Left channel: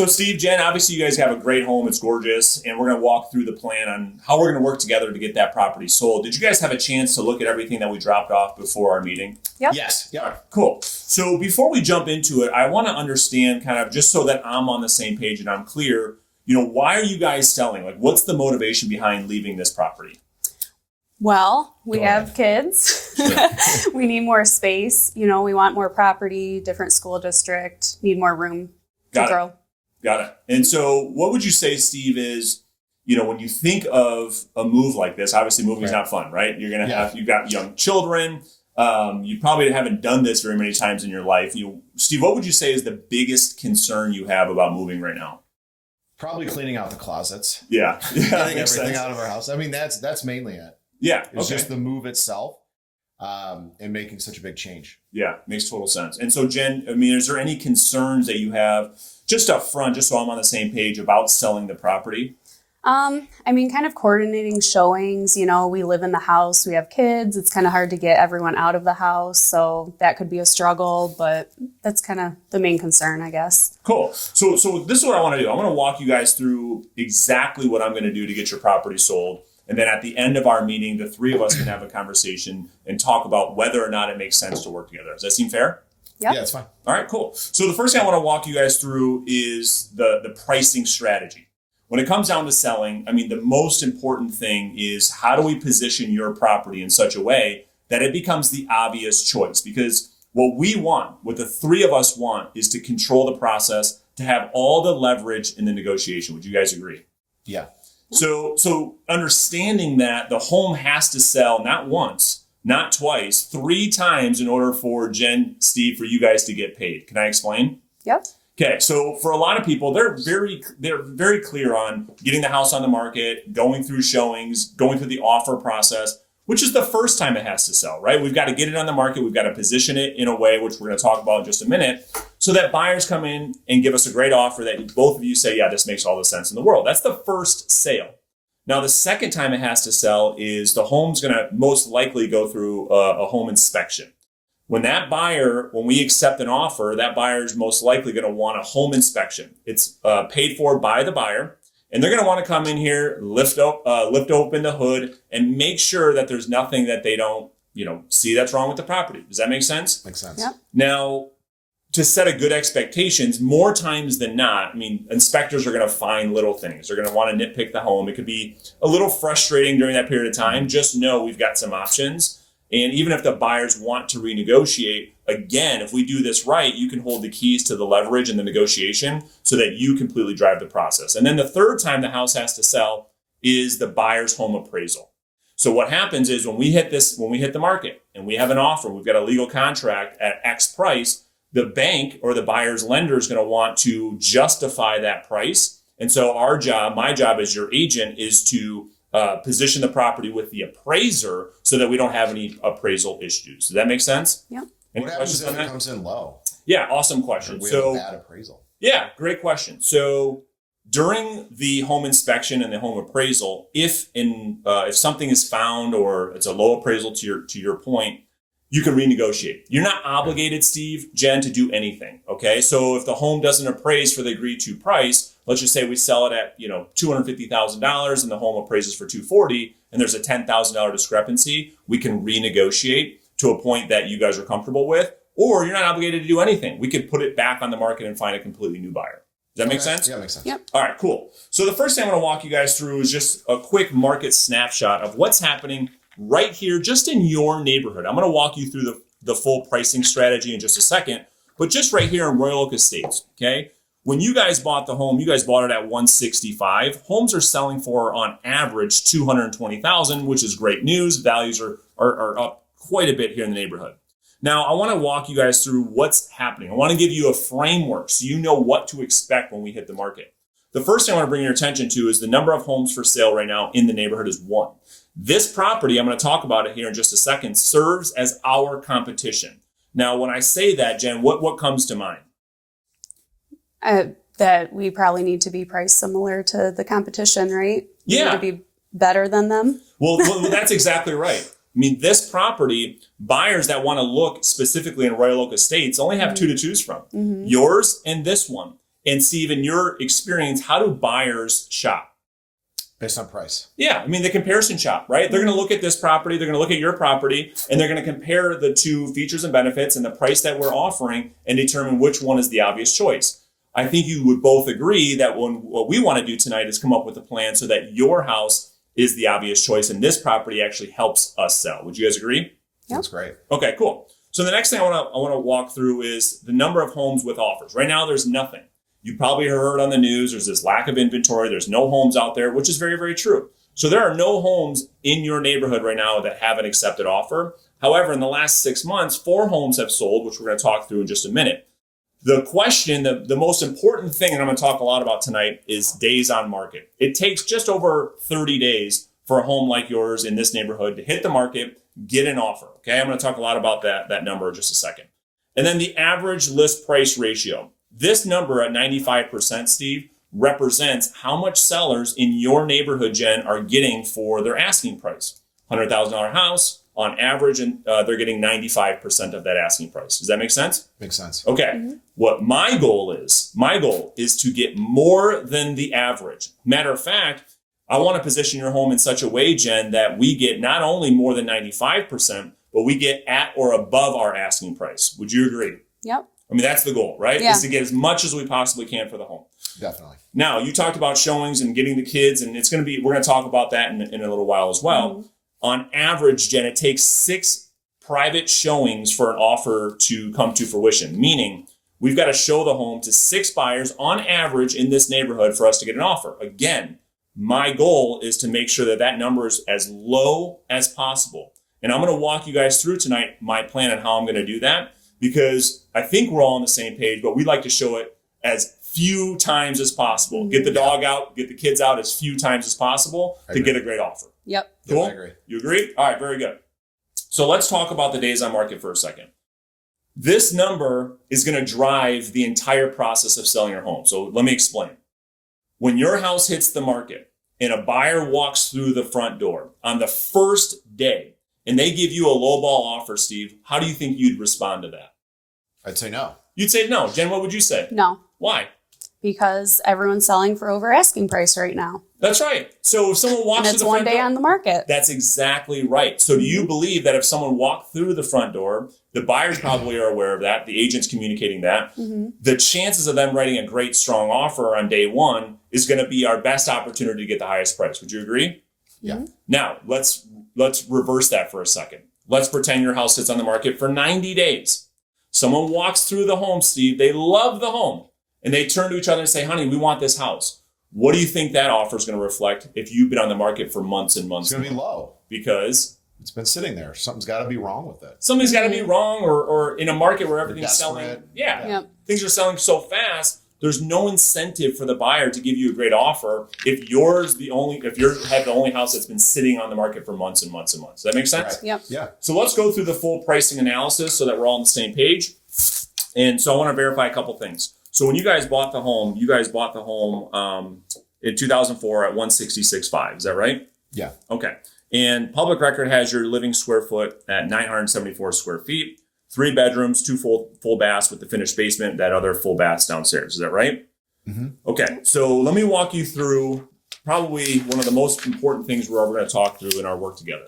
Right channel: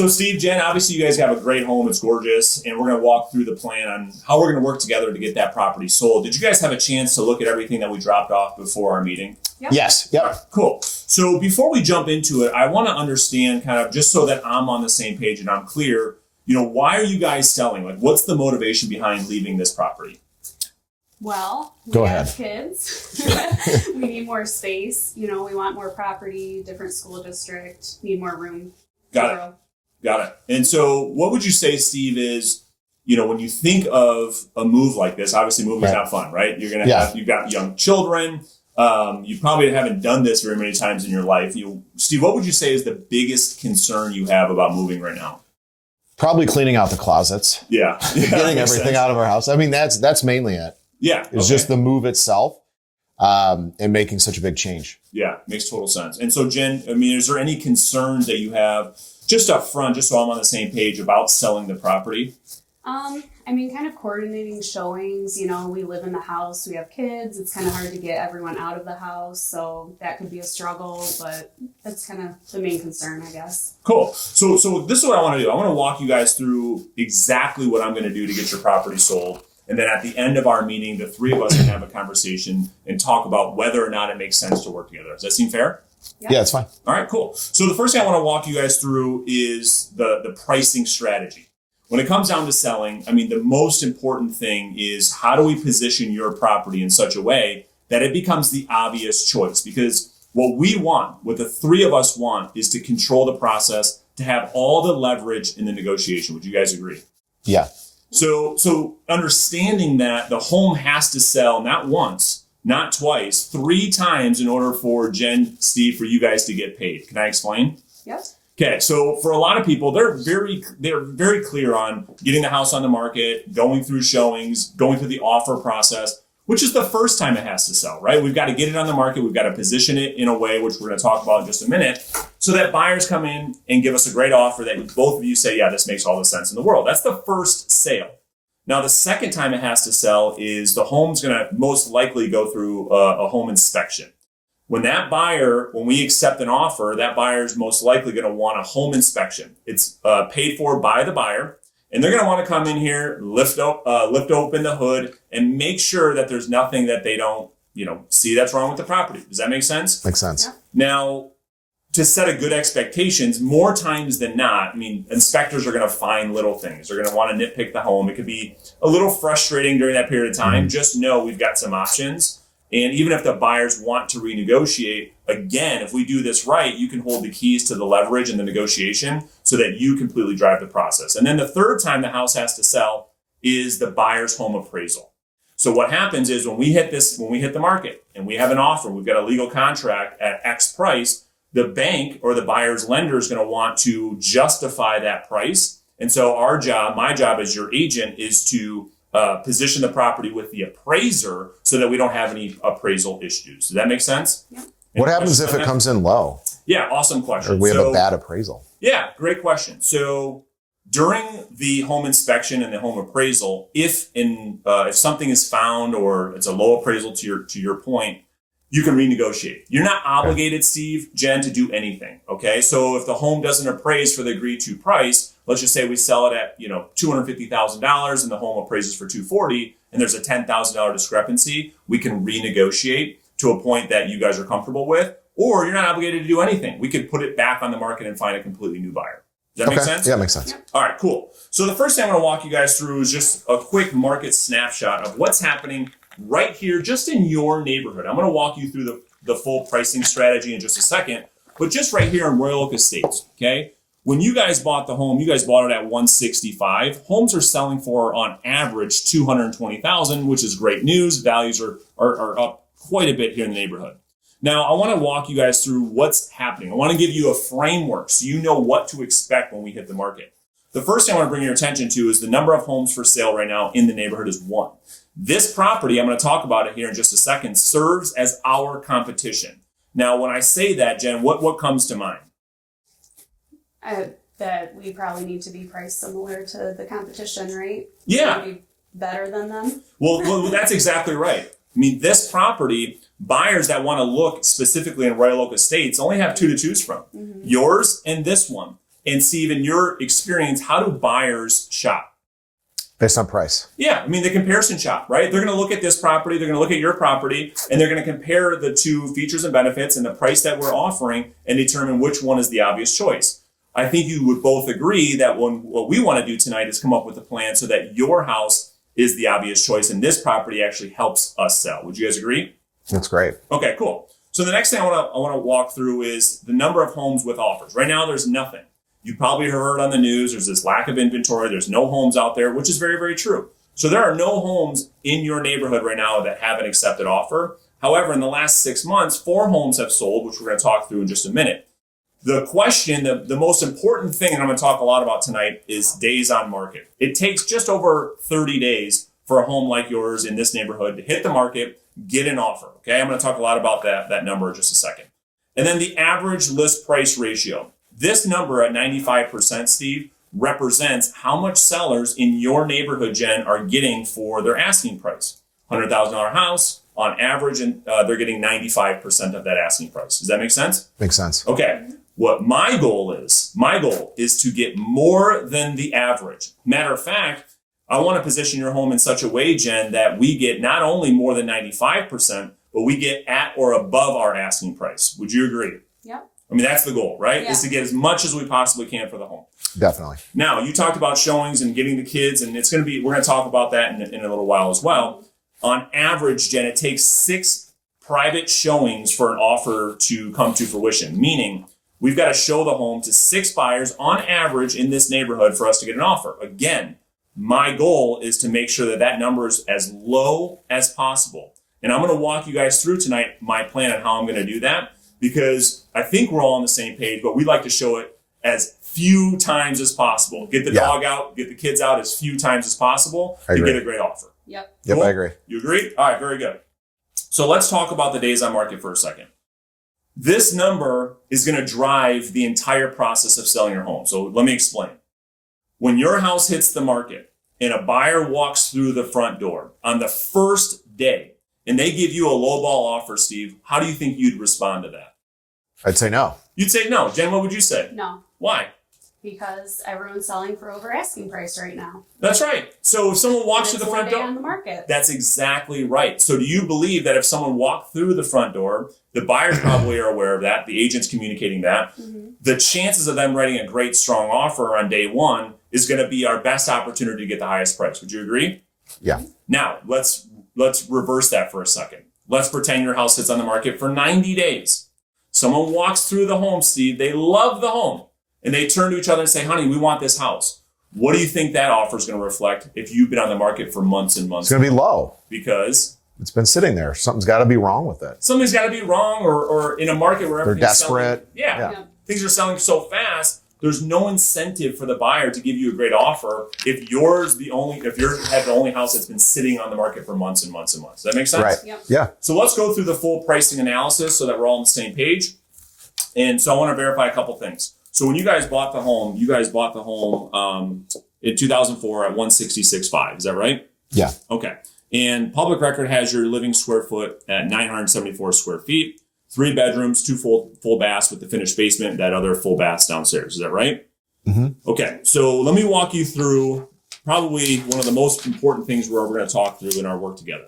So Steve, Jen, obviously you guys have a great home. It's gorgeous. And we're going to walk through the plan on how we're going to work together to get that property sold. Did you guys have a chance to look at everything that we dropped off before our meeting? Yep. Yes. Yep. Right, cool. So before we jump into it, I want to understand kind of just so that I'm on the same page and I'm clear, why are you guys selling? Like, what's the motivation behind leaving this property? Well, we Go have ahead. kids. We need more space. We want more property, different school district, need more room to grow. Got it. And so what would you say, Steve, is, when you think of a move like this, obviously moving is not fun, right? You're going to you've got young children. You probably haven't done this very many times in your life. Steve, what would you say is the biggest concern you have about moving right now? Probably cleaning out the closets. Yeah. Getting everything out of our house. I mean, that's mainly it. Yeah. It's just the move itself and making such a big change. Yeah, makes total sense. And so, Jen, is there any concerns that you have just up front, just so I'm on the same page about selling the property? Kind of coordinating showings. We live in the house, we have kids. It's kind of hard to get everyone out of the house. So that could be a struggle, but that's kind of the main concern, I guess. Cool. So this is what I want to do. I want to walk you guys through exactly what I'm going to do to get your property sold. And then at the end of our meeting, the three of us can have a conversation and talk about whether or not it makes sense to work together. Does that seem fair? Yep. Yeah, it's fine. All right, cool. So the first thing I want to walk you guys through is the pricing strategy. When it comes down to selling, the most important thing is how do we position your property in such a way that it becomes the obvious choice? Because what the three of us want, is to control the process, to have all the leverage in the negotiation. Would you guys agree? Yeah. So understanding that the home has to sell not once, not twice, 3 times in order for Jen, Steve, for you guys to get paid. Can I explain? Yep. Okay, so for a lot of people, they're very clear on getting the house on the market, going through showings, going through the offer process, which is the first time it has to sell, right? We've got to get it on the market. We've got to position it in a way, which we're going to talk about in just a minute, so that buyers come in and give us a great offer that both of you say, yeah, this makes all the sense in the world. That's the first sale. Now, the second time it has to sell is the home's going to most likely go through a home inspection. When we accept an offer, that buyer's most likely going to want a home inspection. It's paid for by the buyer, and they're going to want to come in here, lift open the hood, and make sure that there's nothing that they don't, see that's wrong with the property. Does that make sense? Makes sense. Yep. Now, to set a good expectations, more times than not, inspectors are going to find little things. They're going to want to nitpick the home. It could be a little frustrating during that period of time. Just know we've got some options. And even if the buyers want to renegotiate, again, if we do this right, you can hold the keys to the leverage and the negotiation so that you completely drive the process. And then the third time the house has to sell is the buyer's home appraisal. So what happens is when we hit the market and we have an offer, we've got a legal contract at X price, the bank or the buyer's lender is going to want to justify that price. And so my job as your agent is to position the property with the appraiser so that we don't have any appraisal issues. Does that make sense? Yep. What happens if it comes in low? Yeah, awesome question. Or we have a bad appraisal? Yeah, great question. So during the home inspection and the home appraisal, if something is found or it's a low appraisal to your point, you can renegotiate. You're not obligated, Steve, Jen, to do anything. Okay, so if the home doesn't appraise for the agreed to price, let's just say we sell it at $250,000 and the home appraises for $240,000, and there's a $10,000 discrepancy, we can renegotiate to a point that you guys are comfortable with, or you're not obligated to do anything. We could put it back on the market and find a completely new buyer. Does that make sense? Yeah, it makes sense. Yep. All right, cool. So the first thing I'm going to walk you guys through is just a quick market snapshot of what's happening right here, just in your neighborhood. I'm going to walk you through the full pricing strategy in just a second, but just right here in Royal Oak Estates, okay? When you guys bought the home, you guys bought it at $165,000. Homes are selling for, on average, $220,000, which is great news. Values are up quite a bit here in the neighborhood. Now, I want to walk you guys through what's happening. I want to give you a framework so you know what to expect when we hit the market. The first thing I want to bring your attention to is the number of homes for sale right now in the neighborhood is 1. This property, I'm going to talk about it here in just a second, serves as our competition. Now, when I say that, Jen, what comes to mind? That we probably need to be priced similar to the competition, right? Yeah. To be better than them. Well, that's exactly right. This property, buyers that want to look specifically in Royal Oak Estates only have 2 to choose from. Mm-hmm. Yours and this one. And Steve, in your experience, how do buyers shop? Based on price. Yeah, I mean, the comparison shop, right? They're going to look at this property, they're going to look at your property, and they're going to compare the two features and benefits and the price that we're offering and determine which one is the obvious choice. I think you would both agree that what we want to do tonight is come up with a plan so that your house is the obvious choice and this property actually helps us sell. Would you guys agree? That's great. Okay, cool. So the next thing I want to walk through is the number of homes with offers. Right now, there's nothing. You probably heard on the news, there's this lack of inventory. There's no homes out there, which is very, very true. So there are no homes in your neighborhood right now that have an accepted offer. However, in the last 6 months, 4 homes have sold, which we're going to talk through in just a minute. The question, the most important thing, and I'm going to talk a lot about tonight, is days on market. It takes just over 30 days for a home like yours in this neighborhood to hit the market, get an offer. Okay, I'm going to talk a lot about that number in just a second. And then the average list price ratio. This number at 95%, Steve, represents how much sellers in your neighborhood, Jen, are getting for their asking price. $100,000 house, on average, and they're getting 95% of that asking price. Does that make sense? Makes sense. Okay. What my goal is to get more than the average. Matter of fact, I want to position your home in such a way, Jen, that we get not only more than 95%, but we get at or above our asking price. Would you agree? Yep. I mean, that's the goal, right? Yeah. Is to get as much as we possibly can for the home. Definitely. Now, you talked about showings and getting the kids, and we're going to talk about that in a little while as well. Mm-hmm. On average, Jen, it takes 6 private showings for an offer to come to fruition, meaning we've got to show the home to 6 buyers on average in this neighborhood for us to get an offer. Again, my goal is to make sure that number is as low as possible. And I'm going to walk you guys through tonight my plan on how I'm going to do that, because I think we're all on the same page, but we'd like to show it as few times as possible. Get the dog out, get the kids out as few times as possible to get a great offer. Yep. Yep, Cool? I agree. You agree? All right, very good. So let's talk about the days on market for a second. This number is going to drive the entire process of selling your home. So let me explain. When your house hits the market and a buyer walks through the front door on the first day and they give you a lowball offer, Steve, how do you think you'd respond to that? I'd say no. You'd say no. Jen, what would you say? No. Why? Because everyone's selling for over asking price right now. That's right. So if someone walks through the front door, it's one day on the market. That's exactly right. So do you believe that if someone walked through the front door, the buyers probably are aware of that, the agent's communicating that, the chances of them writing a great, strong offer on day one is going to be our best opportunity to get the highest price. Would you agree? Yeah. Now, let's reverse that for a second. Let's pretend your house sits on the market for 90 days. Someone walks through the home, Steve. They love the home. And they turn to each other and say, honey, we want this house. What do you think that offer is going to reflect if you've been on the market for months and months? It's going to be low. Because it's been sitting there. Something's got to be wrong with it. Something's got to be wrong, or in a market where everything's selling. Desperate. Yeah. Things are selling so fast. There's no incentive for the buyer to give you a great offer if you have the only house that's been sitting on the market for months and months and months. Does that make sense? Right. Yep. Yeah. So let's go through the full pricing analysis so that we're all on the same page. And so I want to verify a couple things. So when you guys bought the home, in 2004 at 166.5. Is that right? Yeah. Okay. And public record has your living square foot at 974 square feet, 3 bedrooms, 2 full baths with the finished basement, that other full baths downstairs. Is that right? Mm-hmm. Okay. So let me walk you through probably one of the most important things we're going to talk through in our work together.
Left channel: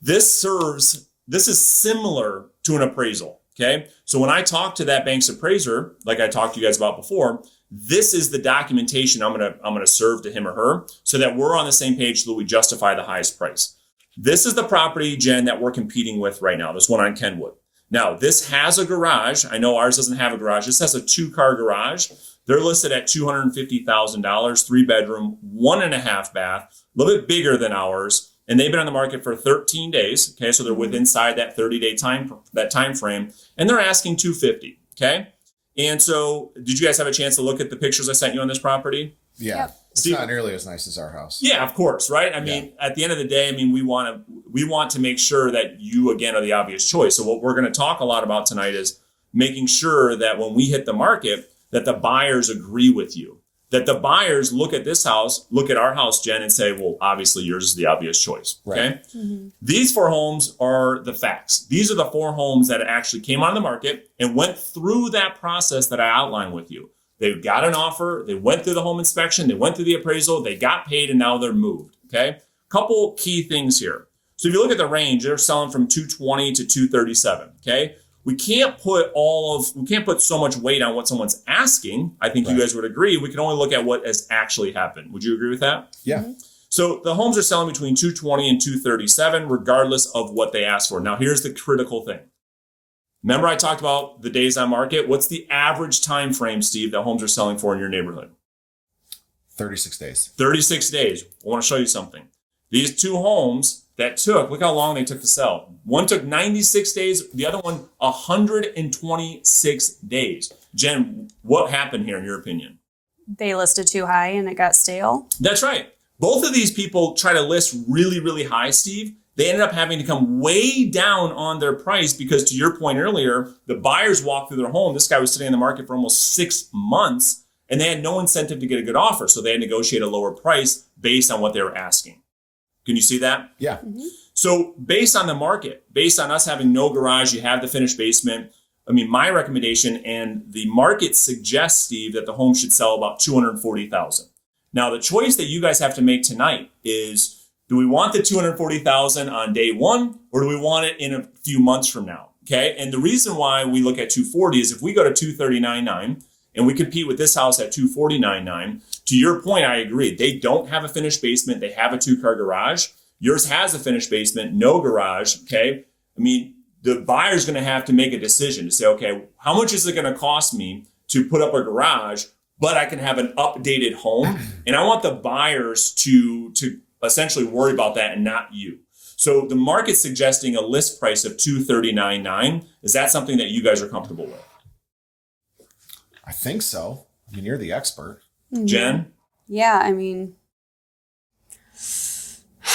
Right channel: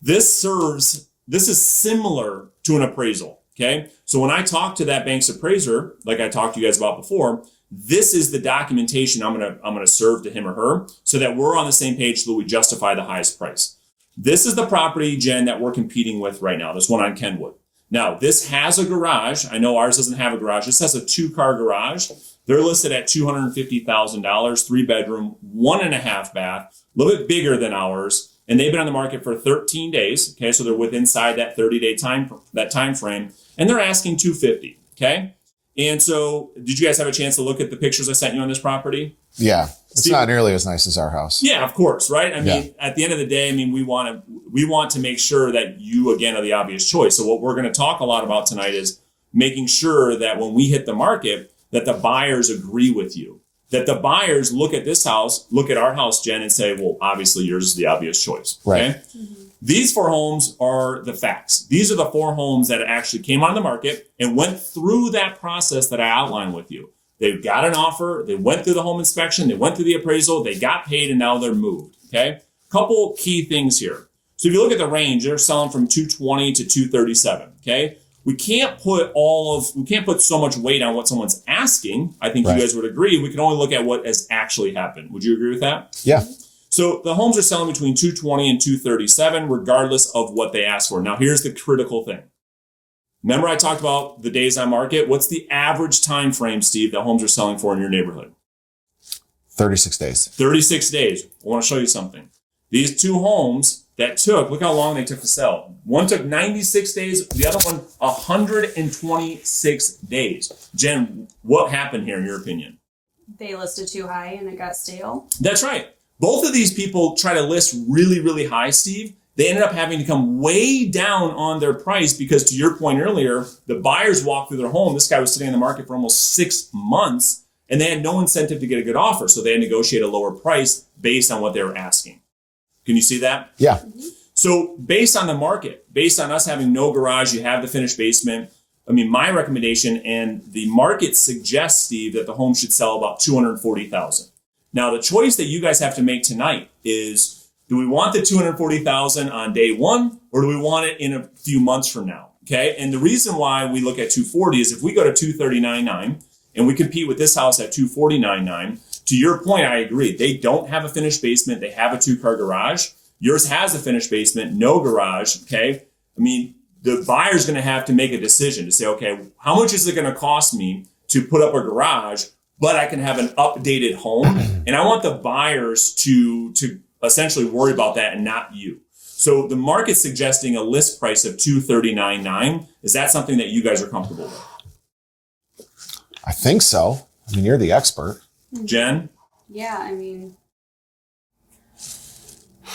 This is similar to an appraisal. Okay. So when I talk to that bank's appraiser, like I talked to you guys about before, this is the documentation I'm gonna serve to him or her so that we're on the same page so that we justify the highest price. This is the property, Jen, that we're competing with right now, this one on Kenwood. Now, this has a garage. I know ours doesn't have a garage. This has a 2-car garage. They're listed at $250,000, 3 bedroom, 1.5 bath, a little bit bigger than ours. And they've been on the market for 13 days. Okay, so they're within that 30-day time frame, and they're asking $250,000. Okay, and so did you guys have a chance to look at the pictures I sent you on this property? Yeah, it's not nearly as nice as our house. Yeah, of course, right? I mean, at the end of the day, we want to make sure that you again are the obvious choice. So what we're going to talk a lot about tonight is making sure that when we hit the market, that the buyers agree with you. That the buyers look at this house, look at our house, Jen, and say, well, obviously yours is the obvious choice. Okay. Right. Mm-hmm. These 4 homes are the facts. These are the 4 homes that actually came on the market and went through that process that I outlined with you. They got an offer, they went through the home inspection, they went through the appraisal, they got paid, and now they're moved, okay? Couple key things here. So if you look at the range, they're selling from 220 to 237, okay? We can't put so much weight on what someone's asking. I think you guys would agree. We can only look at what has actually happened. Would you agree with that? Yeah. So the homes are selling between 220 and 237, regardless of what they ask for. Now, here's the critical thing. Remember I talked about the days on market? What's the average time frame, Steve, that homes are selling for in your neighborhood? 36 days. 36 days. I want to show you something. These two homes that took, look how long they took to sell. One took 96 days, the other one 126 days. Jen, what happened here in your opinion? They listed too high and it got stale. That's right. Both of these people try to list really, really high, Steve. They ended up having to come way down on their price because, to your point earlier, the buyers walked through their home. This guy was sitting in the market for almost 6 months, and they had no incentive to get a good offer. So they had to negotiate a lower price based on what they were asking. Can you see that? Yeah. Mm-hmm. So based on the market, based on us having no garage, you have the finished basement. I mean, my recommendation and the market suggests, Steve, that the home should sell about $240,000. Now, the choice that you guys have to make tonight is, do we want the $240,000 on day one, or do we want it in a few months from now? Okay. And the reason why we look at 240 is if we go to 239.9 and we compete with this house at 249.9, to your point, I agree. They don't have a finished basement. They have a 2-car garage. Yours has a finished basement, no garage. Okay. I mean, the buyer's going to have to make a decision to say, okay, how much is it going to cost me to put up a garage, but I can have an updated home? And I want the buyers to essentially worry about that and not you. So the market's suggesting a list price of $239.9. Is that something that you guys are comfortable with? I think so. I mean, you're the expert. Mm-hmm. Jen? Yeah, I mean,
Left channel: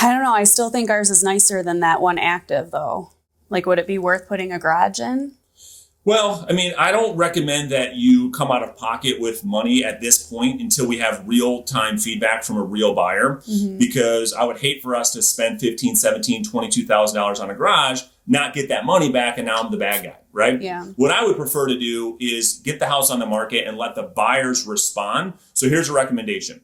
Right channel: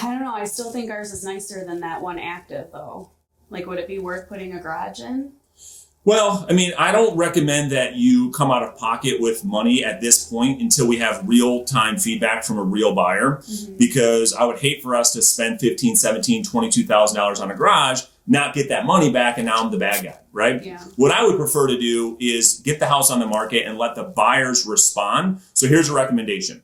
I don't know. I still think ours is nicer than that one active, though. Like, would it be worth putting a garage in? Well, I mean, I don't recommend that you come out of pocket with money at this point until we have real-time feedback from a real buyer, because I would hate for us to spend $15,000, $17,000, $22,000 on a garage, not get that money back, and now I'm the bad guy, right? Yeah. What I would prefer to do is get the house on the market and let the buyers respond. So here's a recommendation.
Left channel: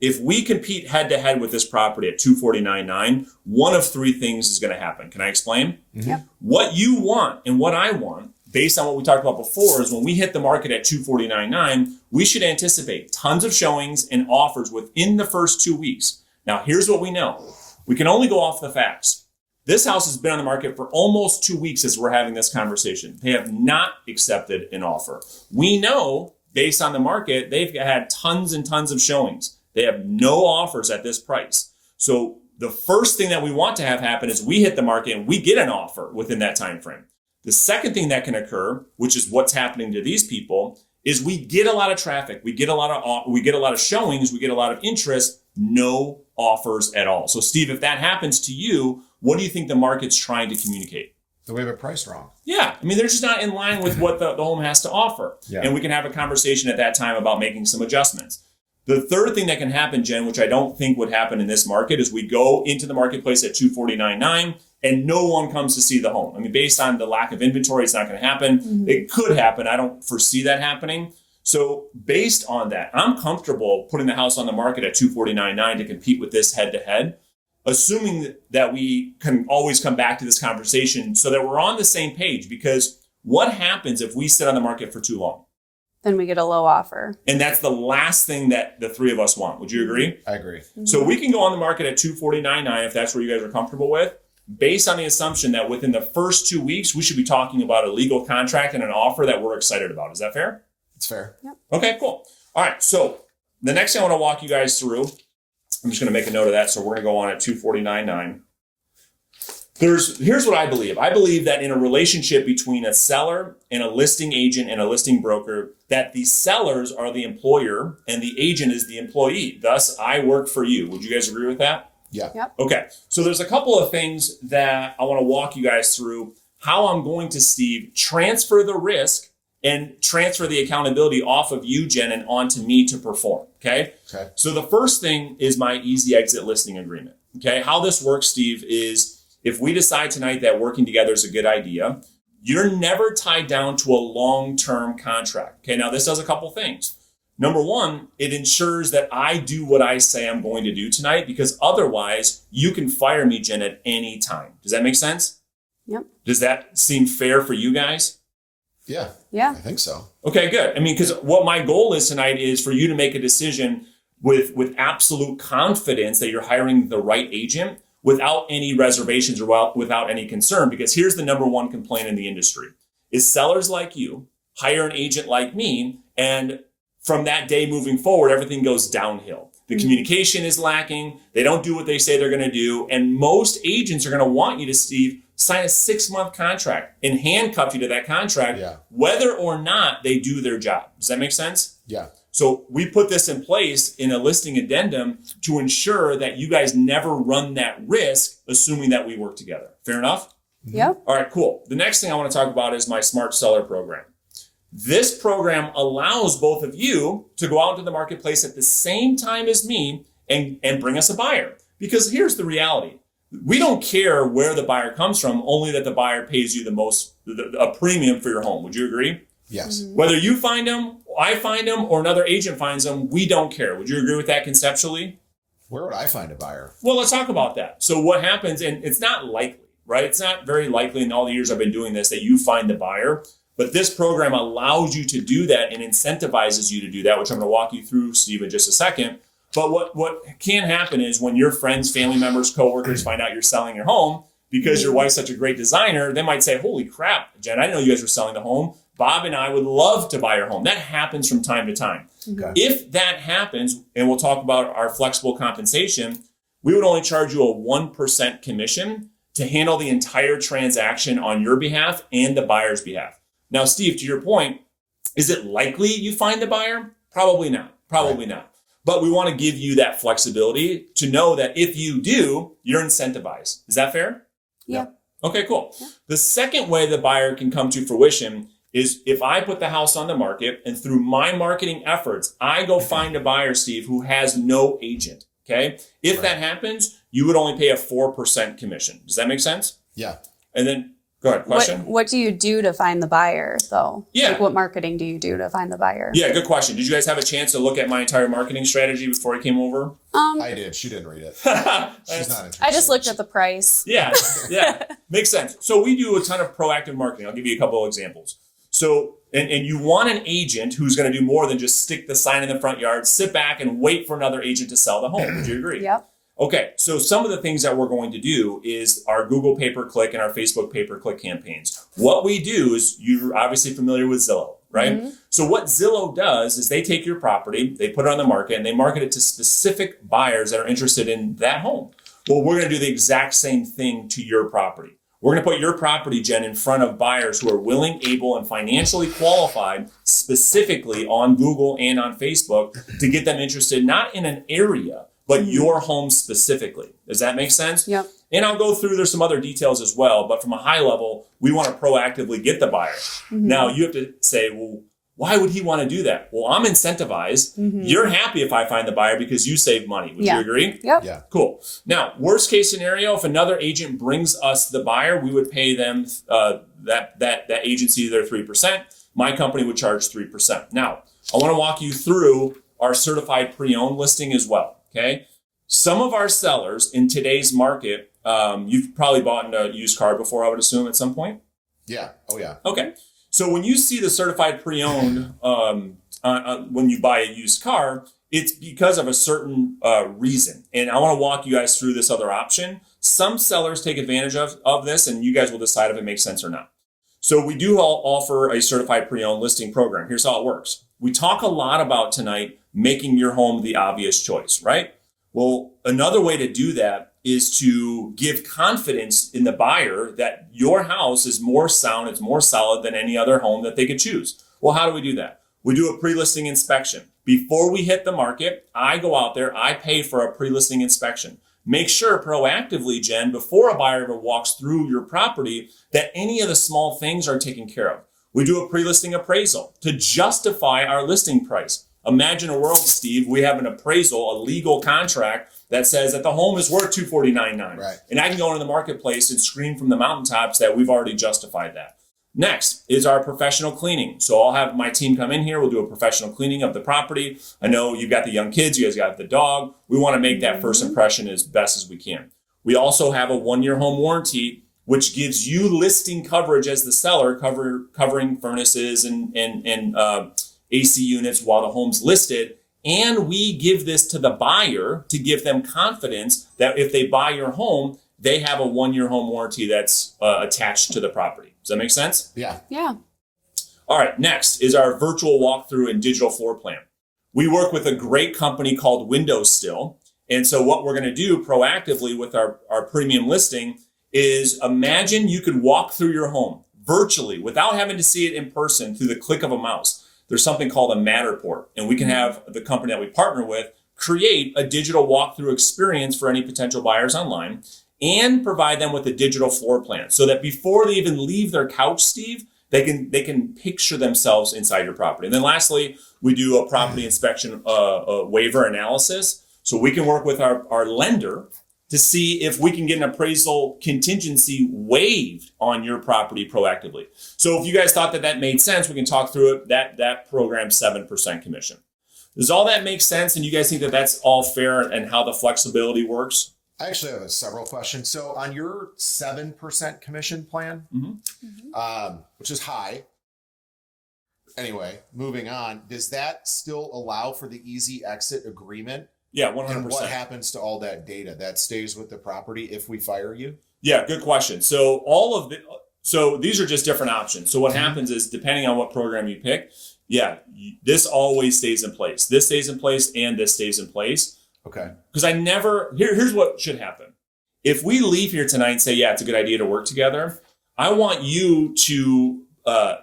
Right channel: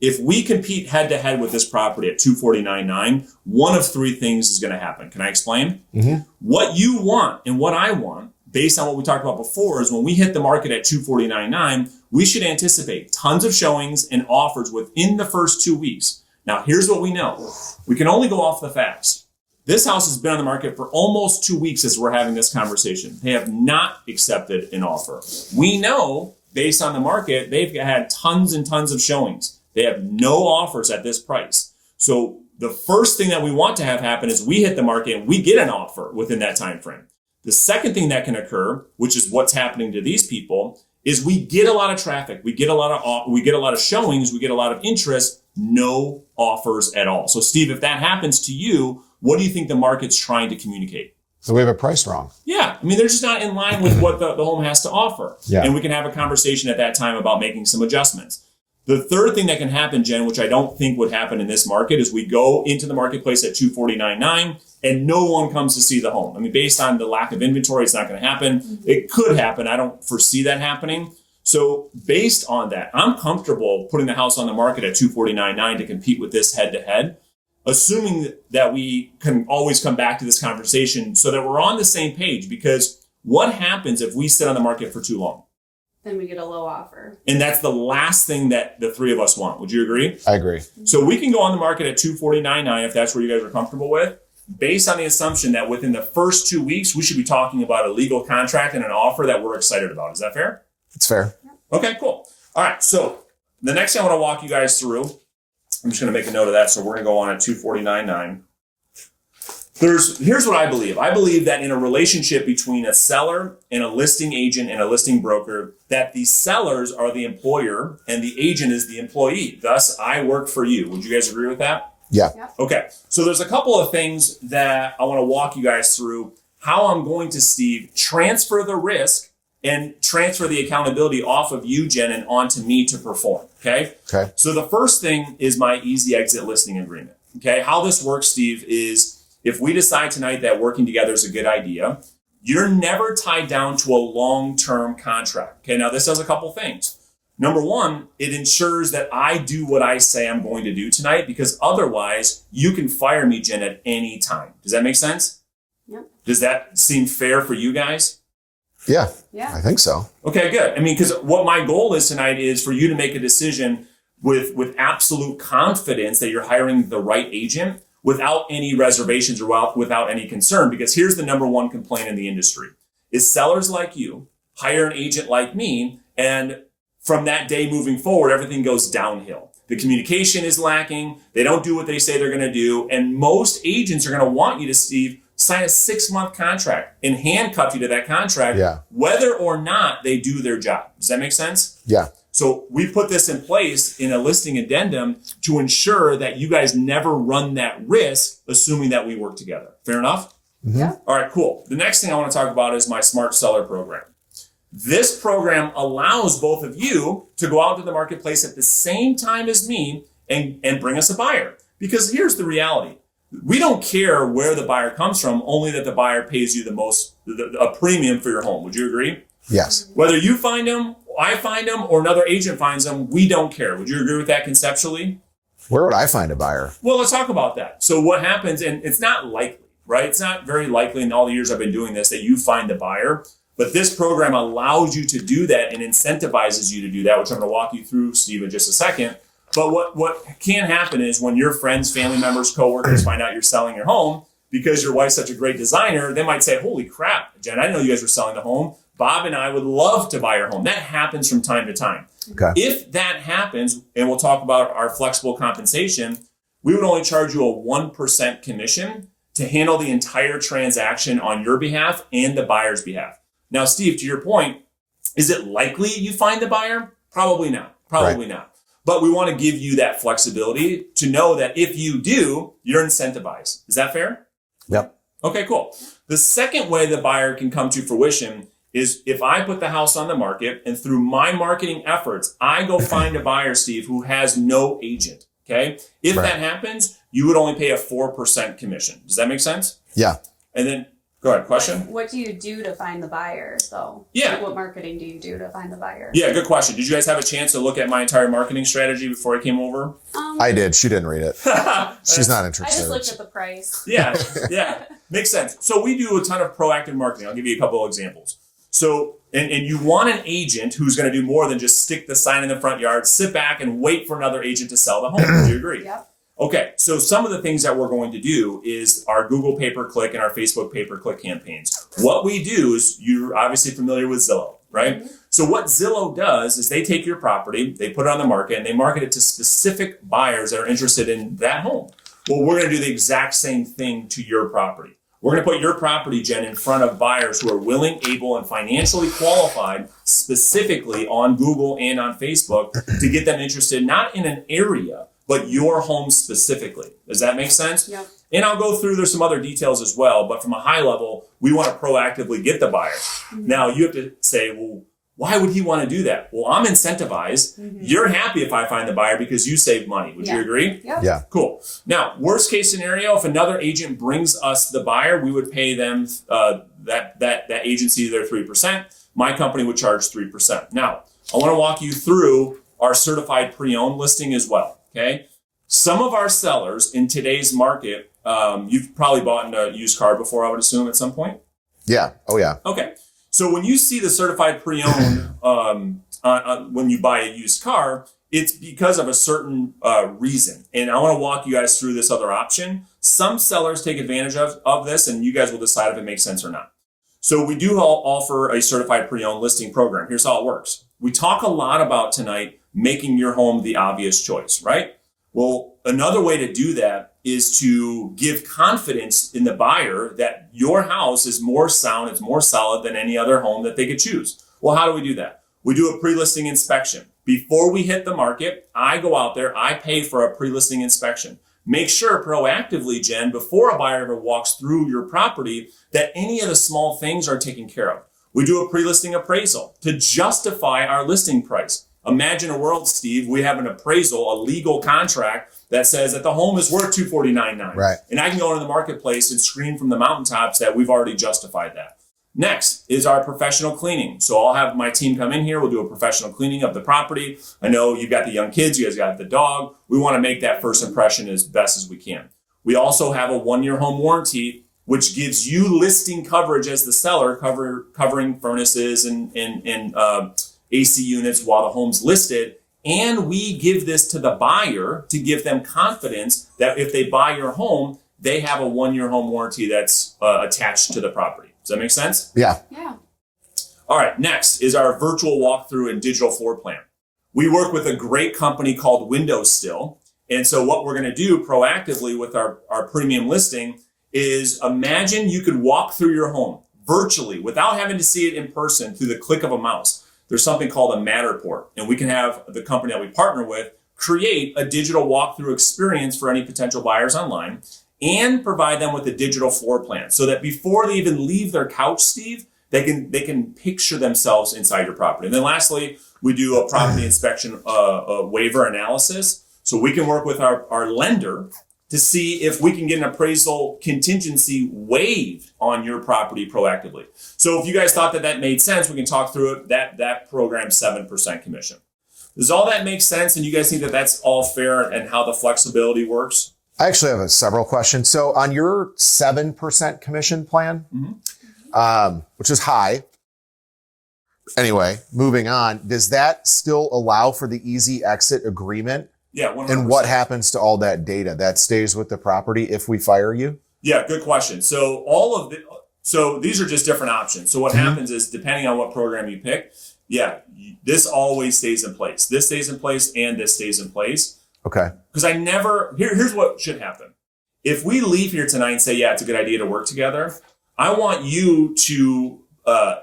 If we compete head-to-head with this property at $249.9, one of three things is going to happen. Can I explain? Mm-hmm. What you want and what I want, based on what we talked about before, is when we hit the market at $249.9, we should anticipate tons of showings and offers within the first 2 weeks. Now, here's what we know. We can only go off the facts. This house has been on the market for almost 2 weeks as we're having this conversation. They have not accepted an offer. We know, based on the market, they've had tons and tons of showings. They have no offers at this price. So the first thing that we want to have happen is we hit the market and we get an offer within that time frame. The second thing that can occur, which is what's happening to these people, is we get a lot of traffic. We get a lot of showings. We get a lot of interest. No offers at all. So Steve, if that happens to you, what do you think the market's trying to communicate? So we have it priced wrong. Yeah. I mean, they're just not in line with what the home has to offer. Yeah. And we can have a conversation at that time about making some adjustments. The third thing that can happen, Jen, which I don't think would happen in this market, is we go into the marketplace at $249.9 and no one comes to see the home. I mean, based on the lack of inventory, it's not going to happen. Mm-hmm. It could happen. I don't foresee that happening. So based on that, I'm comfortable putting the house on the market at $249.9 to compete with this head-to-head, assuming that we can always come back to this conversation so that we're on the same page. Because what happens if we sit on the market for too long? Then we get a low offer. And that's the last thing that the three of us want. Would you agree? I agree. Mm-hmm. So we can go on the market at $249.9 if that's what you guys are comfortable with, based on the assumption that within the first 2 weeks, we should be talking about a legal contract and an offer that we're excited about. Is that fair? It's fair. Yep. Okay, cool. All right. So the next thing I want to walk you guys through, I'm just going to make a note of that. So we're going to go on at $249.9. Here's what I believe. I believe that in a relationship between a seller and a listing agent and a listing broker, that the sellers are the employer and the agent is the employee. Thus, I work for you. Would you guys agree with that? Yeah. Yep. Okay. So there's a couple of things that I want to walk you guys through how I'm going to, Steve, transfer the risk and transfer the accountability off of you, Jen, and onto me to perform. Okay. Okay. So the first thing is my easy exit listing agreement. Okay. How this works, Steve, is if we decide tonight that working together is a good idea, you're never tied down to a long-term contract. Okay, now this does a couple things. Number one, it ensures that I do what I say I'm going to do tonight, because otherwise you can fire me, Jen, at any time. Does that make sense? Yep. Does that seem fair for you guys? Yeah. Yeah. I think so. Okay, good. I mean, because what my goal is tonight is for you to make a decision with absolute confidence that you're hiring the right agent without any reservations or without any concern. Because here's the number one complaint in the industry is sellers like you hire an agent like me, and from that day moving forward, everything goes downhill. The communication is lacking. They don't do what they say they're going to do. And most agents are going to want you to, Steve, sign a 6-month contract and handcuff you to that contract, whether or not they do their job. Does that make sense? Yeah. So we put this in place in a listing addendum to ensure that you guys never run that risk, assuming that we work together. Fair enough? Yeah. All right, cool. The next thing I want to talk about is my Smart Seller program. This program allows both of you to go out to the marketplace at the same time as me and bring us a buyer. Because here's the reality. We don't care where the buyer comes from, only that the buyer pays you a premium for your home. Would you agree? Yes. Whether you find them, I find them, or another agent finds them, we don't care. Would you agree with that conceptually? Where would I find a buyer? Well, let's talk about that. So what happens, and it's not likely, right? It's not very likely in all the years I've been doing this that you find the buyer. But this program allows you to do that and incentivizes you to do that, which I'm going to walk you through, Steve, in just a second. But what can happen is when your friends, family members, coworkers find out you're selling your home, because your wife's such a great designer, they might say, holy crap, Jen, I didn't know you guys were selling the home. Bob and I would love to buy your home. That happens from time to time. Okay. If that happens, and we'll talk about our flexible compensation, we would only charge you a 1% commission to handle the entire transaction on your behalf and the buyer's behalf. Now, Steve, to your point, is it likely you find the buyer? Probably not. Probably not. But we want to give you that flexibility to know that if you do, you're incentivized. Is that fair? Yep. Okay, cool. The second way the buyer can come to fruition is if I put the house on the market and through my marketing efforts, I go find a buyer, Steve, who has no agent. Okay. If that happens, you would only pay a 4% commission. Does that make sense? Yeah. And then go ahead. Question? What do you do to find the buyer, though? Yeah. Like, what marketing do you do to find the buyer? Yeah, good question. Did you guys have a chance to look at my entire marketing strategy before I came over? I did. She didn't read it. She's not interested. I just looked at the price. Yeah. Makes sense. So we do a ton of proactive marketing. I'll give you a couple of examples. So, and you want an agent who's going to do more than just stick the sign in the front yard, sit back and wait for another agent to sell the home. Do you agree? Yep. Okay, so some of the things that we're going to do is our Google pay-per-click and our Facebook pay-per-click campaigns. What we do is, you're obviously familiar with Zillow, right? Mm-hmm. So what Zillow does is they take your property, they put it on the market, and they market it to specific buyers that are interested in that home. Well, we're going to do the exact same thing to your property. We're going to put your property, Jen, in front of buyers who are willing, able, and financially qualified, specifically on Google and on Facebook, to get them interested not in an area, but your home specifically. Does that make sense? Yep. And I'll go through, there's some other details as well, but from a high level, we want to proactively get the buyer. Mm-hmm. Now, you have to say, well, why would he want to do that? Well, I'm incentivized. Mm-hmm. You're happy if I find the buyer because you save money. Would you agree? Yep. Yeah. Cool. Now, worst case scenario, if another agent brings us the buyer, we would pay them that agency their 3%. My company would charge 3%. Now, I want to walk you through our certified pre-owned listing as well. Okay. Some of our sellers in today's market, you've probably bought a used car before, I would assume, at some point. Yeah. Oh, yeah. Okay. So when you see the certified pre-owned, when you buy a used car, it's because of a certain reason. And I want to walk you guys through this other option. Some sellers take advantage of this, and you guys will decide if it makes sense or not. So we do offer a certified pre-owned listing program. Here's how it works. We talk a lot about tonight making your home the obvious choice, right? Well, another way to do that is to give confidence in the buyer that your house is more sound, it's more solid than any other home that they could choose. Well, how do we do that? We do a pre-listing inspection. Before we hit the market, I go out there, I pay for a pre-listing inspection. Make sure proactively, Jen, before a buyer ever walks through your property, that any of the small things are taken care of. We do a pre-listing appraisal to justify our listing price. Imagine a world, Steve, we have an appraisal, a legal contract that says that the home is worth $249.9. Right. And I can go into the marketplace and scream from the mountaintops that we've already justified that. Next is our professional cleaning. So I'll have my team come in here. We'll do a professional cleaning of the property. I know you got the young kids. You guys got the dog. We want to make that first impression as best as we can. We also have a 1-year home warranty, which gives you listing coverage as the seller, covering furnaces and AC units while the home's listed. And we give this to the buyer to give them confidence that if they buy your home, they have a 1-year home warranty that's attached to the property. Does that make sense? Yeah. Yeah. All right, next is our virtual walkthrough and digital floor plan. We work with a great company called Windows Still. And so what we're going to do proactively with our premium listing is imagine you could walk through your home virtually without having to see it in person through the click of a mouse. There's something called a Matterport, and we can have the company that we partner with create a digital walkthrough experience for any potential buyers online and provide them with a digital floor plan so that before they even leave their couch, Steve, they can picture themselves inside your property. And then lastly, we do a property inspection waiver analysis. So we can work with our lender to see if we can get an appraisal contingency waived on your property proactively. So if you guys thought that made sense, we can talk through it. That program's 7% commission. Does all that make sense? And you guys think that that's all fair and how the flexibility works? I actually have several questions. So on your 7% commission plan, which is high. Anyway, moving on, does that still allow for the easy exit agreement? Yeah, 100%. And what happens to all that data? That stays with the property if we fire you? Yeah, good question. So so these are just different options. So what happens is depending on what program you pick, this always stays in place. This stays in place and this stays in place. Okay. Because here's what should happen. If we leave here tonight and say, yeah, it's a good idea to work together, I want you to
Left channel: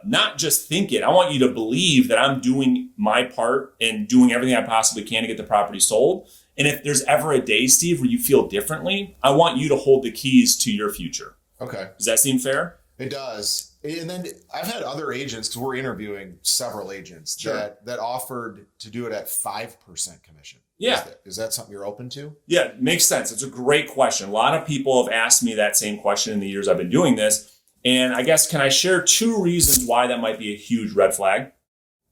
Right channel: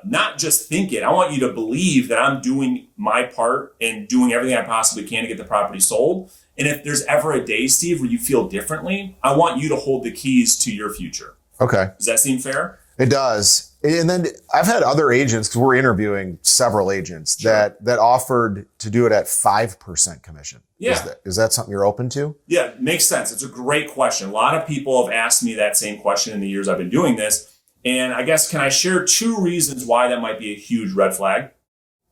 not just think it. I want you to believe that I'm doing my part and doing everything I possibly can to get the property sold. And if there's ever a day, Steve, where you feel differently, I want you to hold the keys to your future. Okay. Does that seem fair? It does. And then I've had other agents, because we're interviewing several agents that offered to do it at 5% commission. Yeah. Is that something you're open to? Yeah, makes sense. It's a great question. A lot of people have asked me that same question in the years I've been doing this. And I guess, can I share 2 reasons why that might be a huge red flag?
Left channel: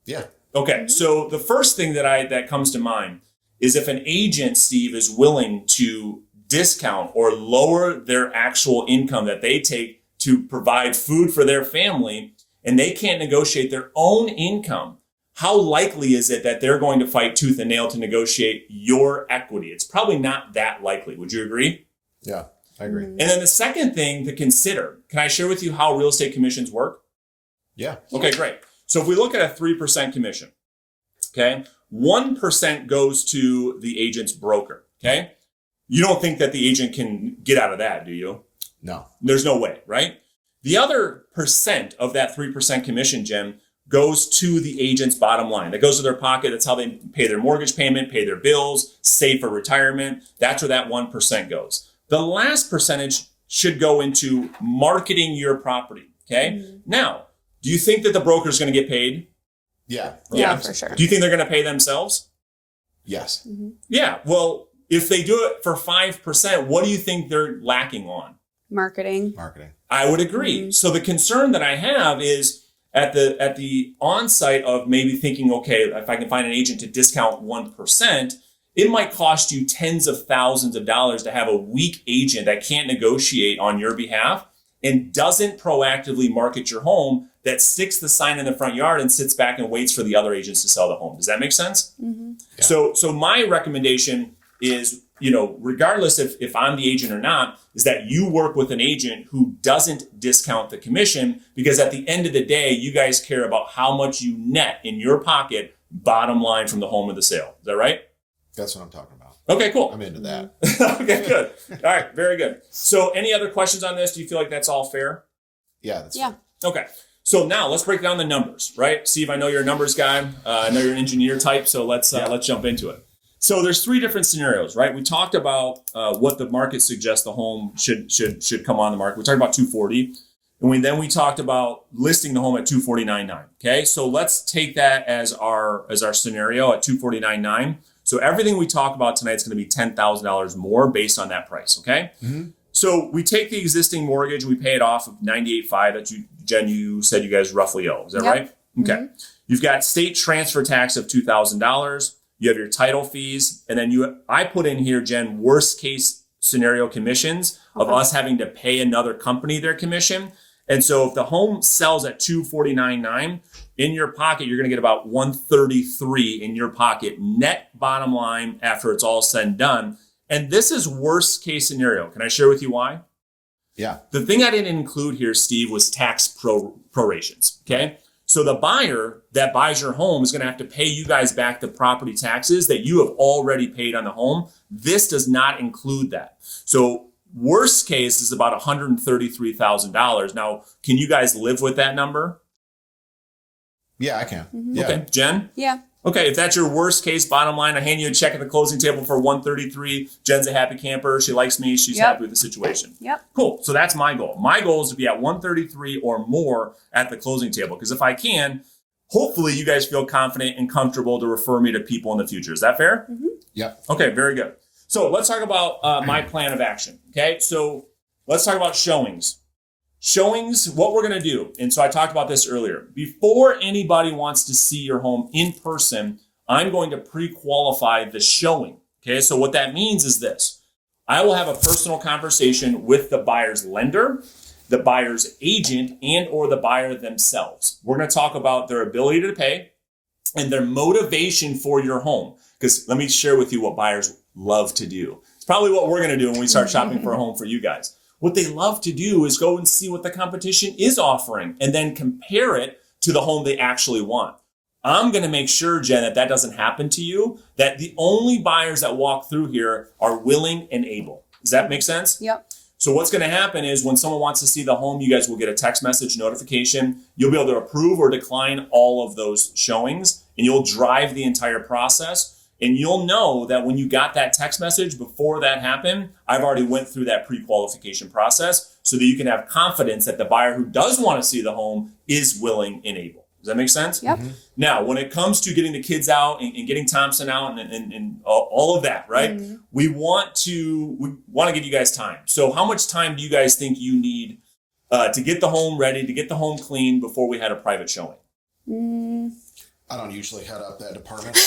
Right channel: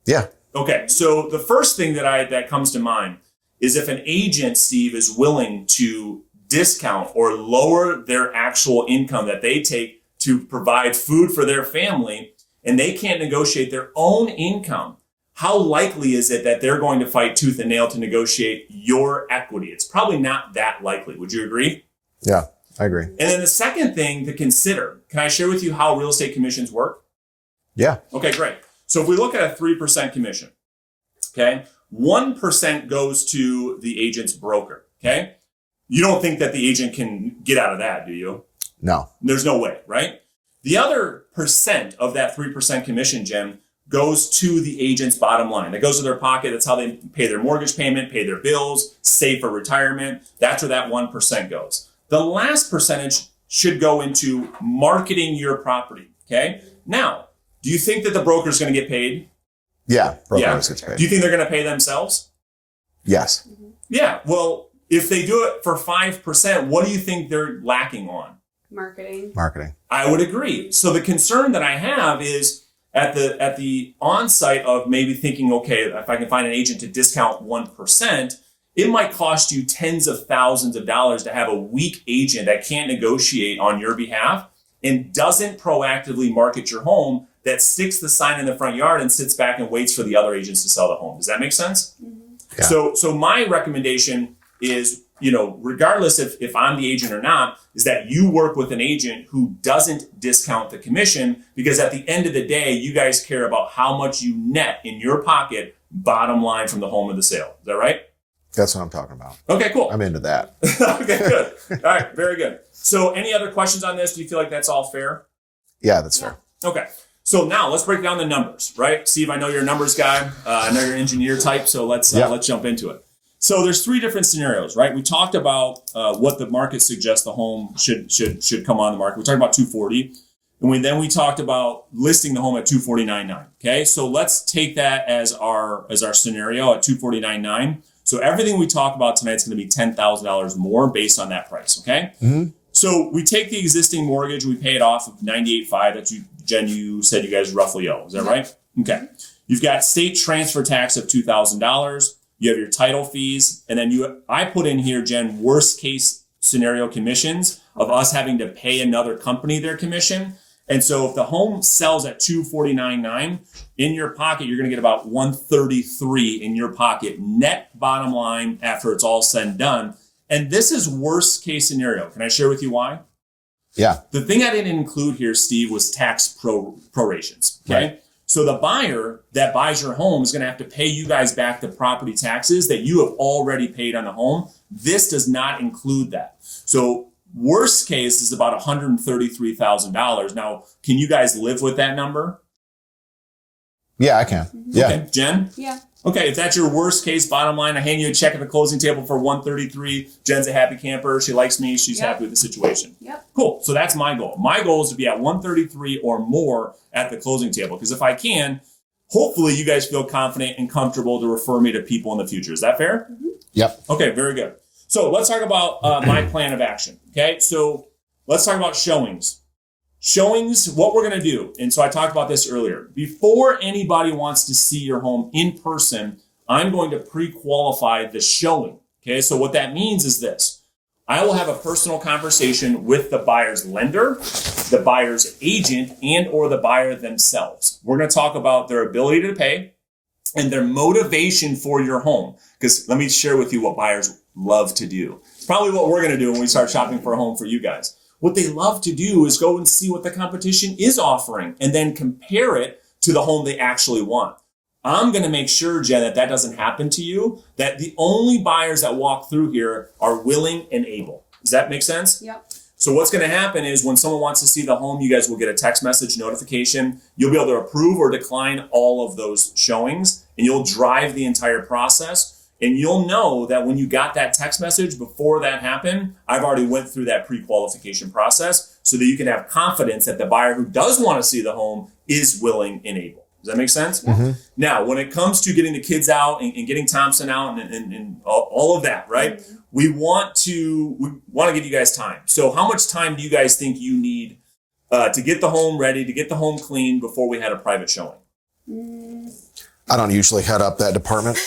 Yeah. Okay. So the first thing that comes to mind is if an agent, Steve, is willing to discount or lower their actual income that they take to provide food for their family, and they can't negotiate their own income, how likely is it that they're going to fight tooth and nail to negotiate your equity? It's probably not that likely. Would you agree? Yeah, I agree. And then the second thing to consider, can I share with you how real estate commissions work? Yeah. Okay, great. So if we look at a 3% commission, okay, 1% goes to the agent's broker, okay? You don't think that the agent can get out of that, do you? No. There's no way, right? The other percent of that 3% commission, Jim, goes to the agent's bottom line. That goes to their pocket. That's how they pay their mortgage payment, pay their bills, save for retirement. That's where that 1% goes. The last percentage should go into marketing your property, okay? Now, do you think that the broker is going to get paid? Yeah. Yeah, for sure. Do you think they're going to pay themselves? Yes. Yeah. Well, if they do it for 5%, what do you think they're lacking on? Marketing. I would agree. So the concern that I have is at the onset of maybe thinking, okay, if I can find an agent to discount 1%, it might cost you tens of thousands of dollars to have a weak agent that can't negotiate on your behalf and doesn't proactively market your home, that sticks the sign in the front yard and sits back and waits for the other agents to sell the home. Does that make sense? Yeah. So my recommendation is, regardless if I'm the agent or not, is that you work with an agent who doesn't discount the commission, because at the end of the day, you guys care about how much you net in your pocket, bottom line from the home of the sale. Is that right? That's what I'm talking about. Okay, cool. I'm into that. Okay, good. All right, very good. So any other questions on this? Do you feel like that's all fair? Yeah, that's fair. Okay. So now let's break down the numbers, right? Steve, I know you're a numbers guy. I know you're an engineer type, so let's jump into it. So there's 3 different scenarios, right? We talked about what the market suggests the home should come on the market. We talked about 240, and then we talked about listing the home at 249.9. Okay, so let's take that as our scenario at 249.9. So everything we talk about tonight is going to be $10,000 more based on that price. Okay. So we take the existing mortgage, we pay it off of 98.5 that Jen, you said you guys roughly owe. Is that right? Okay. You've got state transfer tax of $2,000. You have your title fees, and then I put in here, Jen, worst case scenario commissions of us having to pay another company their commission. And so if the home sells at $249.9, in your pocket, you're going to get about $133 in your pocket net bottom line after it's all said and done. And this is worst case scenario. Can I share with you why? Yeah. The thing I didn't include here, Steve, was tax prorations. Okay. Right. So the buyer that buys your home is going to have to pay you guys back the property taxes that you have already paid on the home. This does not include that. So worst case is about $133,000. Now, can you guys live with that number? Yeah, I can. Yeah. Okay. Jen? Yeah. Okay, if that's your worst case, bottom line, I hand you a check at the closing table for $133. Jen's a happy camper. She likes me. She's happy with the situation. Yep. Cool. So that's my goal. My goal is to be at $133 or more at the closing table. Because if I can, hopefully you guys feel confident and comfortable to refer me to people in the future. Is that fair? Mm-hmm. Yep. Okay, very good. So let's talk about my plan of action. Okay, so let's talk about showings. Showings, what we're going to do, and so I talked about this earlier. Before anybody wants to see your home in person, I'm going to pre-qualify the showing. Okay, so what that means is this. I will have a personal conversation with the buyer's lender, the buyer's agent, and or the buyer themselves. We're going to talk about their ability to pay and their motivation for your home. Because let me share with you what buyers love to do. It's probably what we're going to do when we start shopping for a home for you guys. What they love to do is go and see what the competition is offering and then compare it to the home they actually want. I'm going to make sure, Jen, that doesn't happen to you, that the only buyers that walk through here are willing and able. Does that make sense? Yep. So what's going to happen is when someone wants to see the home, you guys will get a text message notification. You'll be able to approve or decline all of those showings, and you'll drive the entire process. And you'll know that when you got that text message before that happened, I've already went through that pre-qualification process so that you can have confidence that the buyer who does want to see the home is willing and able. Does that make sense? Yep. Mm-hmm. Now, when it comes to getting the kids out and getting Thompson out and all of that, right? Mm-hmm. We want to give you guys time. So how much time do you guys think you need to get the home ready, to get the home clean before we had a private showing? I don't usually head up that department.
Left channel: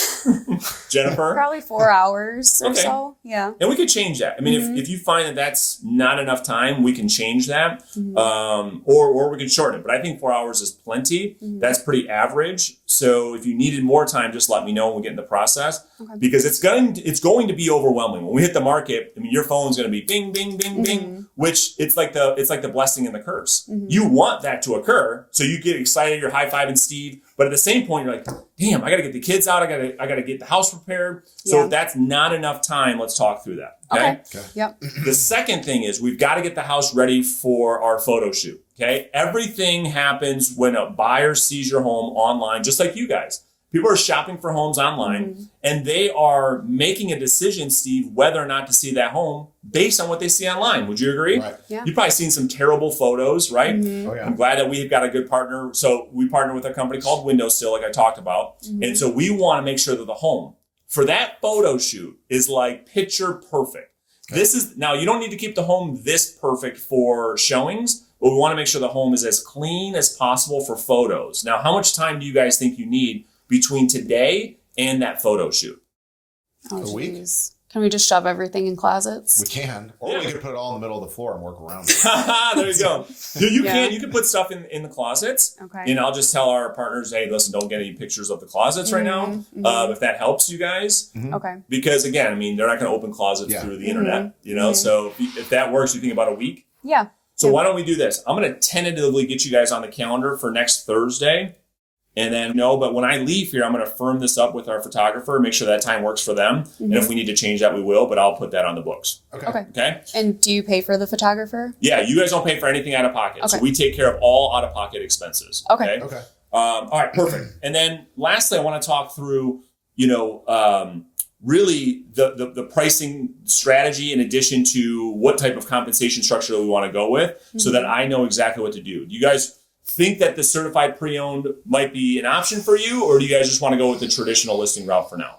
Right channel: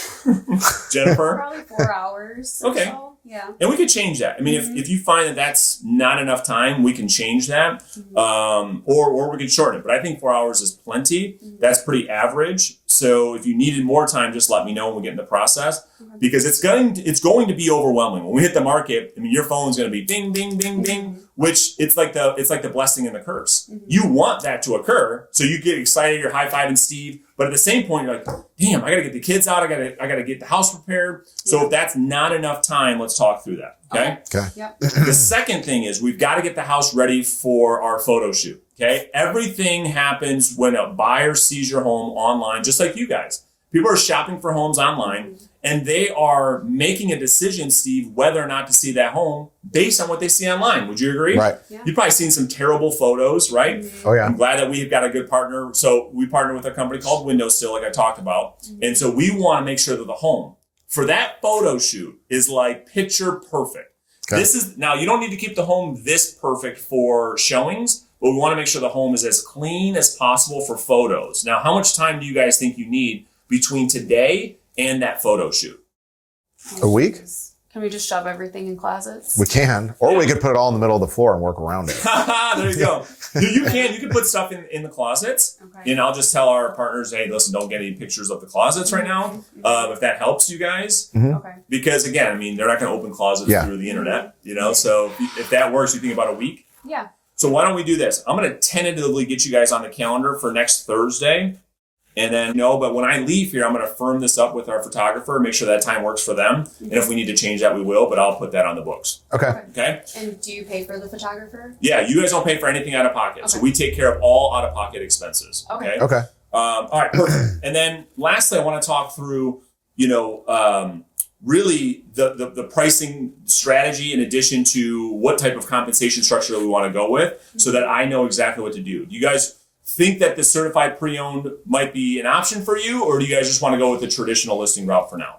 Jennifer? Probably 4 hours or okay. so. Yeah. And we could change that. I mean, if you find that that's not enough time, we can change that. Or we could shorten it. But I think 4 hours is plenty. That's pretty average. So if you needed more time, just let me know when we get in the process. Okay. Because it's going to be overwhelming. When we hit the market, I mean, your phone's going to be ding, ding, ding, ding, which it's like the blessing and the curse. You want that to occur. So you get excited, you're high-fiving Steve. But at the same point, you're like, damn, I got to get the kids out. I got to get the house prepared. So if that's not enough time, let's talk through that. Okay. Yep. The second thing is we've got to get the house ready for our photo shoot. Okay. Everything happens when a buyer sees your home online, just like you guys. People are shopping for homes online and they are making a decision, Steve, whether or not to see that home based on what they see online. Would you agree? Right. Yeah. You've probably seen some terrible photos, right? Oh, yeah. I'm glad that we've got a good partner. So we partner with a company called Windowsill, like I talked about. And so we want to make sure that the home for that photo shoot is like picture perfect. Okay. Now you don't need to keep the home this perfect for showings, but we want to make sure the home is as clean as possible for photos. Now, how much time do you guys think you need between today and that photo shoot? A week? Geez. Can we just shove everything in closets? We can. Or we could put it all in the middle of the floor and work around it. There you go. You can put stuff in the closets. Okay. And I'll just tell our partners, hey, listen, don't get any pictures of the closets right now. If that helps you guys. Okay. Because again, I mean, they're not going to open closets through the internet, So if that works, you think about a week. Yeah. So why don't we do this? I'm going to tentatively get you guys on the calendar for next Thursday. And then, but when I leave here, I'm going to firm this up with our photographer, make sure that time works for them. And if we need to change that, we will, but I'll put that on the books. Okay. And do you pay for the photographer? Yeah, you guys don't pay for anything out of pocket. Okay. So we take care of all out of pocket expenses. Okay. All right, perfect. And then lastly, I want to talk through, really the pricing strategy in addition to what type of compensation structure we want to go with so that I know exactly what to do. Do you guys think that the certified pre-owned might be an option for you, or do you guys just want to go with the traditional listing route for now?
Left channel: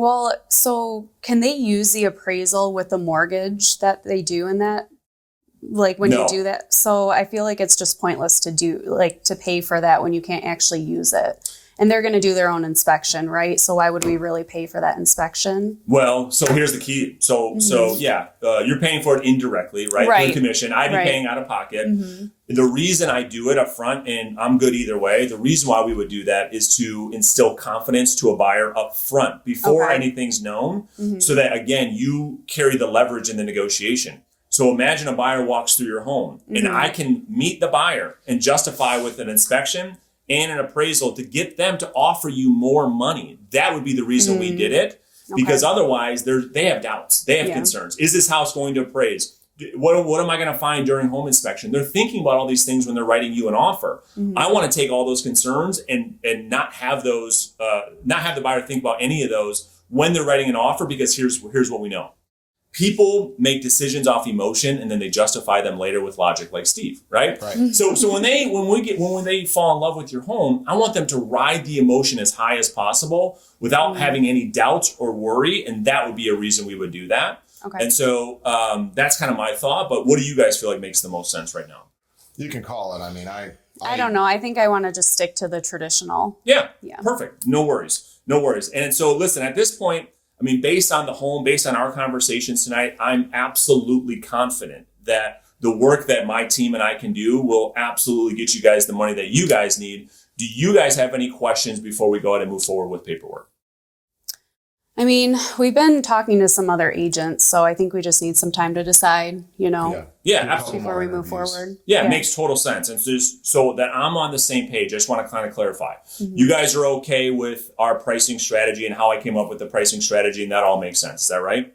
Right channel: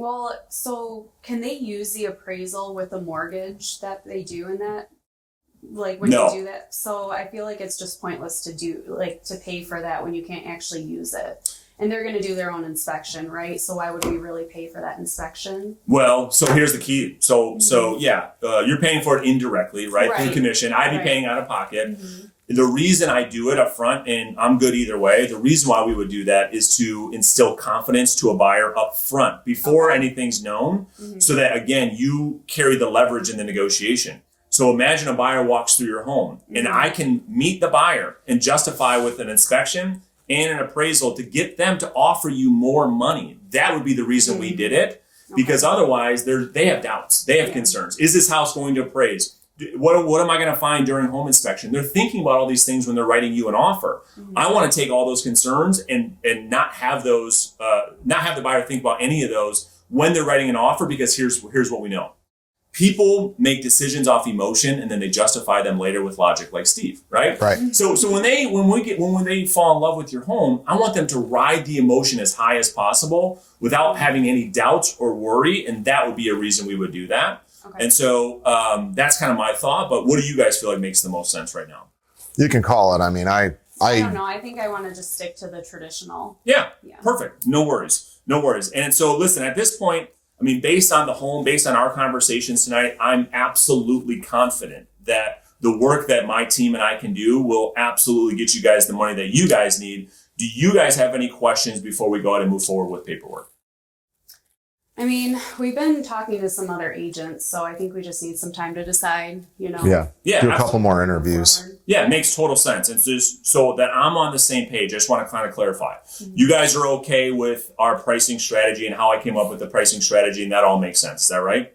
Well, so can they use the appraisal with the mortgage that they do in that? Like when No. you do that? So I feel like it's just pointless to do, like to pay for that when you can't actually use it. And they're going to do their own inspection, right? So why would we really pay for that inspection? Well, so here's the key. So yeah, you're paying for it indirectly, right? Right. Through commission. I'd be Right. paying out of pocket. The reason I do it up front, and I'm good either way, the reason why we would do that is to instill confidence to a buyer up front before Okay. anything's known, so that, again, you carry the leverage in the negotiation. So imagine a buyer walks through your home, and I can meet the buyer and justify with an inspection and an appraisal to get them to offer you more money. That would be the reason we did it, because otherwise they have doubts, they have concerns. Is this house going to appraise? What am I going to find during home inspection? They're thinking about all these things when they're writing you an offer. I want to take all those concerns and not have those, not have the buyer think about any of those when they're writing an offer, because here's what we know. People make decisions off emotion and then they justify them later with logic, like Steve, right? Right. So when they fall in love with your home, I want them to ride the emotion as high as possible without having any doubts or worry, and that would be a reason we would do that. Okay. And so that's kind of my thought. But what do you guys feel like makes the most sense right now? You can call it. I mean, I don't know. I think I want to just stick to the traditional. Yeah. Yeah. Perfect. No worries. And so listen, at this point, I mean, based on the home, based on our conversations tonight, I'm absolutely confident that the work that my team and I can do will absolutely get you guys the money that you guys need. Do you guys have any questions before we go ahead and move forward with paperwork? I mean, we've been talking to some other agents, so I think we just need some time to decide, yeah. Yeah, Do a couple absolutely. more move interviews. forward. Yeah, it makes total sense. And just so that I'm on the same page, I just want to kind of clarify. You guys are okay with our pricing strategy and how I came up with the pricing strategy, and that all makes sense. Is that right?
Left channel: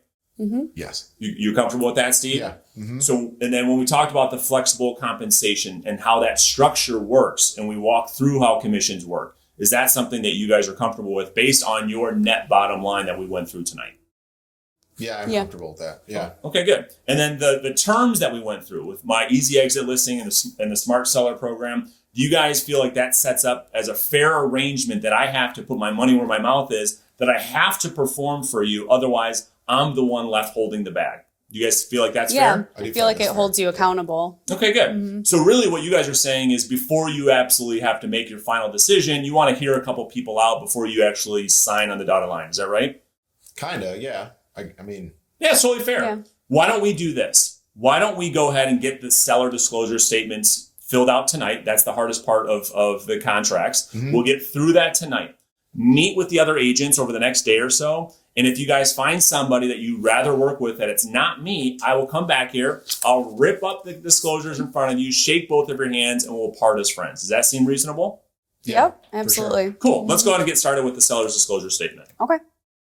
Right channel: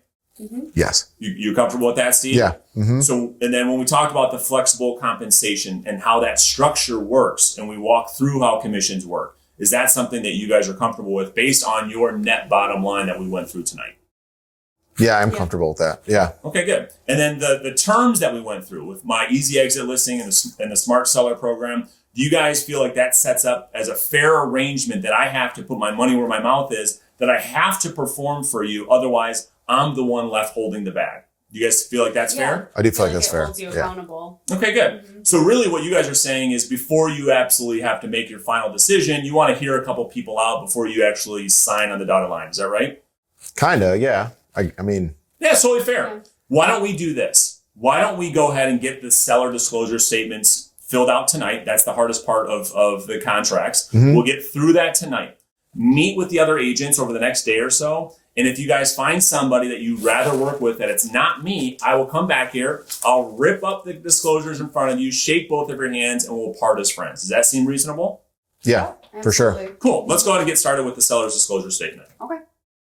Yes. You comfortable with that, Steve? Yeah. So, and then when we talked about the flexible compensation and how that structure works, and we walked through how commissions work, is that something that you guys are comfortable with based on your net bottom line that we went through tonight? Yeah, I'm comfortable with that. Yeah. Okay, good. And then the terms that we went through with my easy exit listing and the smart seller program, do you guys feel like that sets up as a fair arrangement that I have to put my money where my mouth is, that I have to perform for you, otherwise I'm the one left holding the bag? Do you guys feel like that's fair? I do feel like that's it fair. holds you accountable. Okay, good. So really what you guys are saying is before you absolutely have to make your final decision, you want to hear a couple people out before you actually sign on the dotted line. Is that right? Kinda, yeah. I mean, Yeah, it's totally fair. Yeah. Why don't we do this? Why don't we go ahead and get the seller disclosure statements filled out tonight? That's the hardest part of the contracts. We'll get through that tonight. Meet with the other agents over the next day or so. And if you guys find somebody that you'd rather work with that it's not me, I will come back here. I'll rip up the disclosures in front of you, shake both of your hands, and we'll part as friends. Does that seem reasonable? yeah, Yep, for sure. absolutely. Cool. Let's go ahead and get started with the seller's disclosure statement. Okay.